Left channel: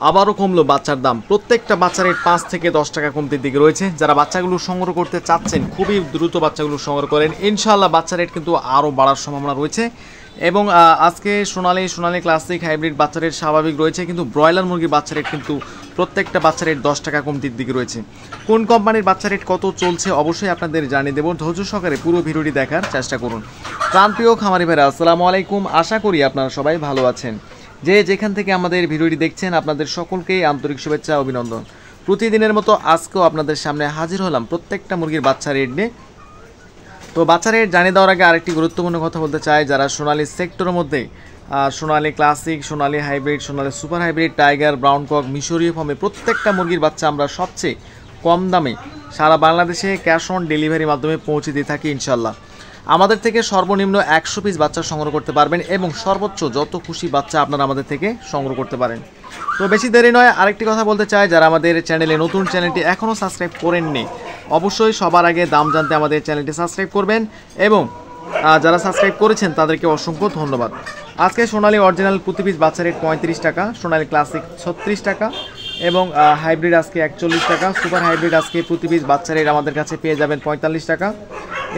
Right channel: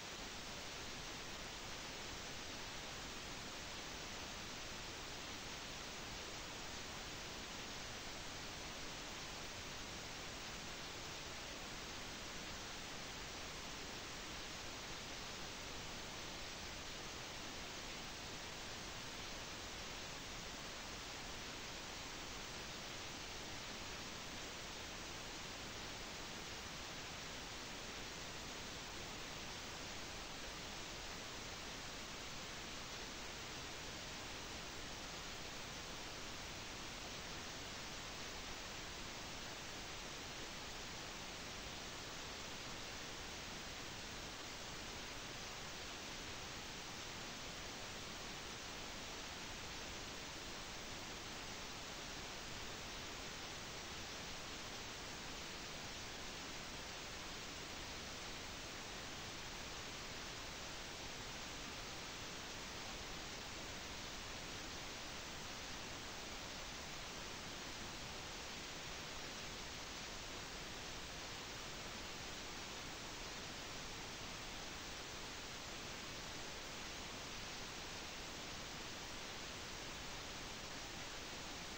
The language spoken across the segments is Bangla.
আবারও কমলো বাচ্চার দাম। প্রত্যেকটা বাচ্চা রেট ৫ থেকে ১০ টাকা কমতির দিকে রয়েছে। যারা বাচ্চাগুলো সংগ্রহ করতে চাচ্ছেন খুবই দ্রুত বাচ্চাগুলো সংগ্রহ করেন, ইনশাআল্লাহ বাচ্চা রেট কিন্তু আরও বাড়ার সম্ভাবনা রয়েছে। এবং আজকে সোনালী ক্লাসিক হাইব্রিড বাচ্চা রেট স্বাভাবিক রয়েছে, কিন্তু ব্রয়লার মুরগির বাচ্চা রেট কিন্তু প্রত্যেকটা বাচ্চা রেট ১০ টাকা কমতির দিকে রয়েছে। কোন কোম্পানির বাচ্চা রেট কত চলছে অবশ্যই আপনাদের জানিয়ে দেবো, ধৈর্য সহকারে পুরো ভিডিওটি দেখার চেষ্টা করুন। প্রাণপ্রিয় খামারি ভাইরা আসসালামু আলাইকুম, আশা করি আপনারা সবাই ভালো আছেন। যে যেখান থেকে আমাদের ভিডিওটি দেখছেন আপনাদের সকলকেই আন্তরিক শুভেচ্ছা অভিনন্দন। প্রতিদিনের মতো আজকেও আপনাদের সামনে হাজির হলাম প্রত্যেকটা মুরগির বাচ্চা রেট নিয়ে। তো বাচ্চা রেট জানিয়ে দেওয়ার আগে আরেকটি গুরুত্বপূর্ণ কথা বলতে চাই, যারা সোনালী সেক্টরের মধ্যে Sonali classic, Sonali hybrid, Sonali super hybrid, tiger, brown cock, মিশরীয় ফর্মে প্রত্যেকটা মুরগির বাচ্চা আমরা সবচেয়ে কম দামে সারা বাংলাদেশে ক্যাশ অন ডেলিভারির মাধ্যমে পৌঁছে দিয়ে থাকি ইনশাল্লাহ। আমাদের থেকে সর্বনিম্ন ১০০ পিস বাচ্চা সংগ্রহ করতে পারবেন এবং সর্বোচ্চ যত খুশি বাচ্চা আপনারা আমাদের থেকে সংগ্রহ করতে পারেন। তো বেশি দেরি নয়, আরেকটি কথা বলতে চাই, যারা আমাদের চ্যানেলে নতুন, চ্যানেলটি এখনও সাবস্ক্রাইব করেননি অবশ্যই সবার আগে দাম জানতে আমাদের চ্যানেলটি সাবস্ক্রাইব করবেন এবং যারা সাবস্ক্রাইব করেছেন তাদেরকে অসংখ্য ধন্যবাদ। আজকে সোনালী অরিজিনাল প্রতি পিস বাচ্চা রেট ৩৫ টাকা, সোনালী ক্লাসিক ৩৬ টাকা এবং হাইব্রিড আজকে ৪১ টাকা, সুপার হাইব্রিড আজকে প্রতি পিস বাচ্চা রেট আমাদের কাছে পেয়ে যাবেন ৪৫ টাকা।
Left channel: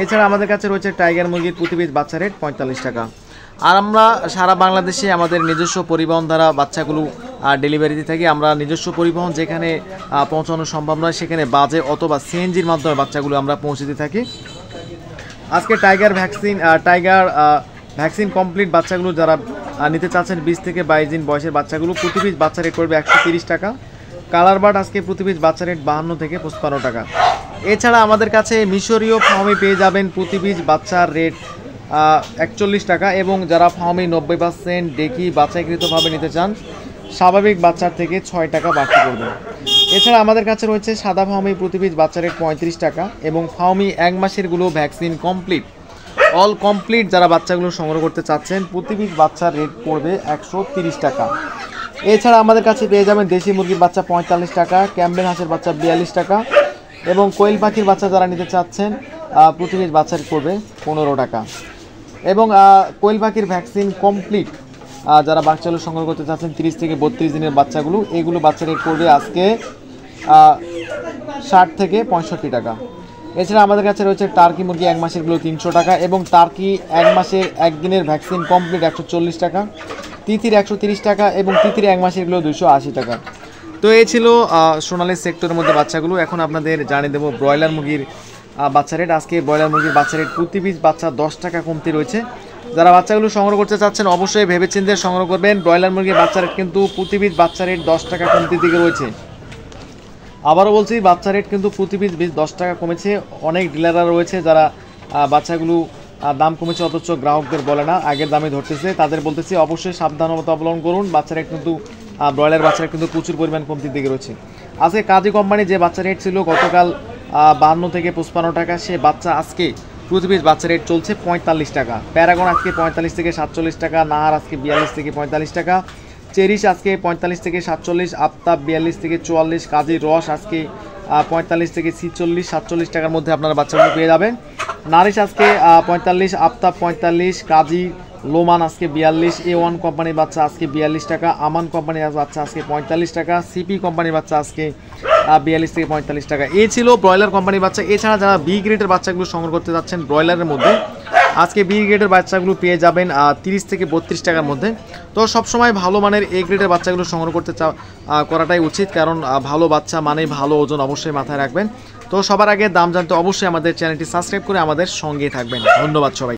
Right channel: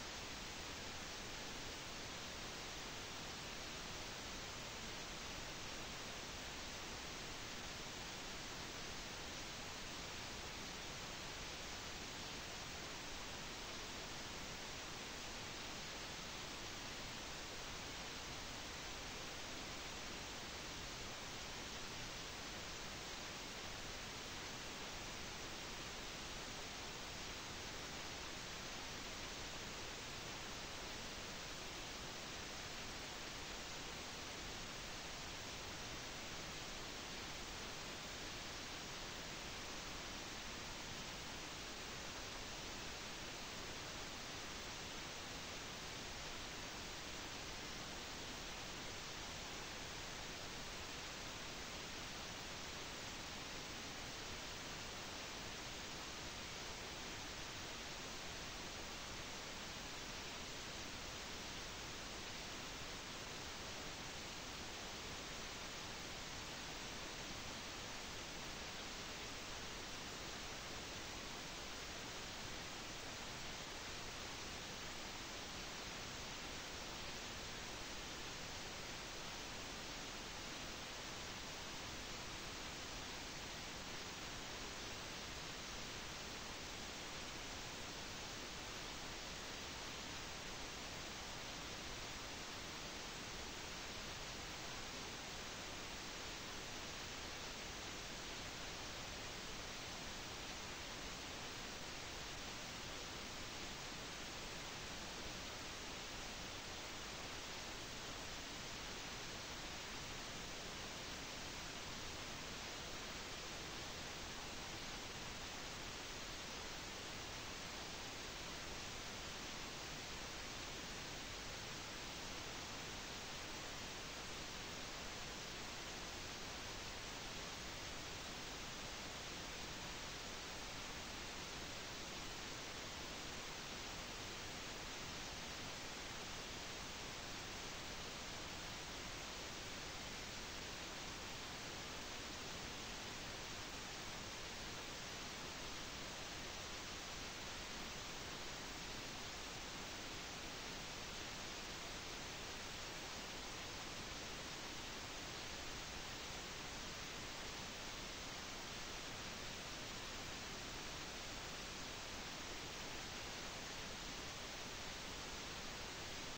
এছাড়া আমাদের কাছে রয়েছে টাইগার মুরগির প্রতি পিস বাচ্চা রেট ৪৫ টাকা। আর আমরা সারা বাংলাদেশে আমাদের নিজস্ব পরিবহন দ্বারা বাচ্চাগুলো ডেলিভারি দিয়ে থাকি। আমরা নিজস্ব পরিবহন যেখানে পৌঁছানো সম্ভব নয় সেখানে বাজে অথবা সিএনজির মাধ্যমে বাচ্চাগুলো আমরা পৌঁছে দিয়ে থাকি। আজকে টাইগার ভ্যাকসিন কমপ্লিট বাচ্চাগুলো যারা নিতে চাচ্ছেন ২০ থেকে ২২ দিন বয়সের বাচ্চাগুলো প্রতি পিস বাচ্চা রেট করবে ১৩০ টাকা। কালার বার্ড আজকে প্রতি পিস বাচ্চা রেট ৫২ থেকে ৫৫ টাকা। এছাড়া আমাদের কাছে মিশরীয় ফার্মে পেয়ে যাবেন প্রতি পিস বাচ্চার রেট ৪১ টাকা এবং যারা ফার্মে ৯০% ডেকি বাছাইকৃতভাবে নিতে চান স্বাভাবিক বাচ্চার থেকে ৬ টাকা বাড়তি করবেন। এছাড়া আমাদের কাছে রয়েছে সাদা ফার্মি প্রতি পিস বাচ্চা রেট ৩৫ টাকা এবং ফার্মি ১ মাসেরগুলো ভ্যাকসিন কমপ্লিট অল কমপ্লিট যারা বাচ্চাগুলো সংগ্রহ করতে চাচ্ছেন প্রতি পিস বাচ্চার রেট পড়বে ১৩০ টাকা। এছাড়া আমাদের কাছে পেয়ে যাবেন দেশি মুরগির বাচ্চা ৪৫ টাকা, ক্যাম্বেল হাঁসের বাচ্চা ৪২ টাকা এবং কোয়েল পাখির বাচ্চা যারা নিতে চাচ্ছেন প্রতি পিস বাচ্চা রেট পড়বে ১৫ টাকা। এবং কোয়েল পাখির ভ্যাকসিন কমপ্লিট যারা বাচ্চাগুলো সংগ্রহ করতে চাচ্ছেন ৩০ থেকে ৩২ দিনের বাচ্চাগুলো, এগুলো বাচ্চা রেট পড়বে আজকে ৬০ থেকে ৬৫ টাকা। এছাড়া আমাদের কাছে রয়েছে টার্কি মুরগি ১ মাসেরগুলো ৩০০ টাকা এবং টার্কি ১ মাসের একদিনের ভ্যাকসিন কমপ্লিট ১৪০ টাকা, তিতির ১৩০ টাকা এবং তিতির ১ মাসেরগুলো ২৮০ টাকা। তো এই ছিল সোনালী সেক্টরের মধ্যে বাচ্চাগুলো। এখন আপনাদের জানিয়ে দেবো ব্রয়লার মুরগির বাচ্চা রেট। আজকে ব্রয়লার মুরগির বাচ্চা রেট প্রতি পিস বাচ্চা ১০ টাকা কমতি রয়েছে। যারা বাচ্চাগুলো সংগ্রহ করতে চাচ্ছেন অবশ্যই ভেবেচিন্তে সংগ্রহ করবেন। ব্রয়লার মুরগির বাচ্চা রেট কিন্তু প্রতি পিস বাচ্চা রেট ১০ টাকা কমতির দিকে রয়েছে। আবারও বলছি, বাচ্চা রেট কিন্তু প্রতি পিস ১০ টাকা কমেছে। অনেক ডিলাররা রয়েছে যারা বাচ্চাগুলো দাম কমেছে অথচ গ্রাহকদের বলে না, আগের দামে ধরতেছে। তাদের বলতেছি অবশ্যই সাবধানতা অবলম্বন করুন। বাচ্চা রেট কিন্তু ব্রয়লার বাচ্চা রেট কিন্তু প্রচুর পরিমাণ কমতির দিকে রয়েছে। আজকে কাজী কোম্পানি যে বাচ্চা রেট ছিল গতকাল ৫২ থেকে ৫৫ টাকা, সে বাচ্চা আজকে প্রতি পিস বাচ্চা রেট চলছে ৪৫ টাকা। প্যারাগন আজকে ৪৫ থেকে ৪৭ টাকা, নাহার আজকে ৪২ থেকে ৪৫ টাকা, চেরিশ আজকে ৪৫ থেকে ৪৭, আফতাব ৪২ থেকে ৪৪, কাজী রস আজকে ৪৫ থেকে ৪৬, ৪৭ টাকার মধ্যে আপনারা বাচ্চাগুলো পেয়ে যাবেন। নারিশ আজকে ৪৫, আফতাব ৪৫, কাজী লোমান আজকে ৪২, A1 কোম্পানির বাচ্চা আজকে ৪২ টাকা, আমান কোম্পানির বাচ্চা আজকে ৪৫ টাকা, সিপি কোম্পানির বাচ্চা আজকে ৪২ থেকে ৪৫ টাকা। এই ছিল ব্রয়লার কোম্পানির বাচ্চা। এছাড়া যারা বি গ্রেডের বাচ্চাগুলো সংগ্রহ করতে যাচ্ছেন ব্রয়লারের মধ্যে, আজকে বি গ্রেডের বাচ্চাগুলো পেয়ে যাবেন ৩০ থেকে ৩২ টাকার মধ্যে। তো সবসময় ভালো মানের এ গ্রেডের বাচ্চাগুলো সংগ্রহ করতে করাটাই উচিত, কারণ ভালো বাচ্চা মানে ভালো ওজন অবশ্যই মাথায় রাখবেন। তো সবার আগে দাম জানতে অবশ্যই আমাদের চ্যানেলটি সাবস্ক্রাইব করে আমাদের সঙ্গেই থাকবেন। ধন্যবাদ সবাই।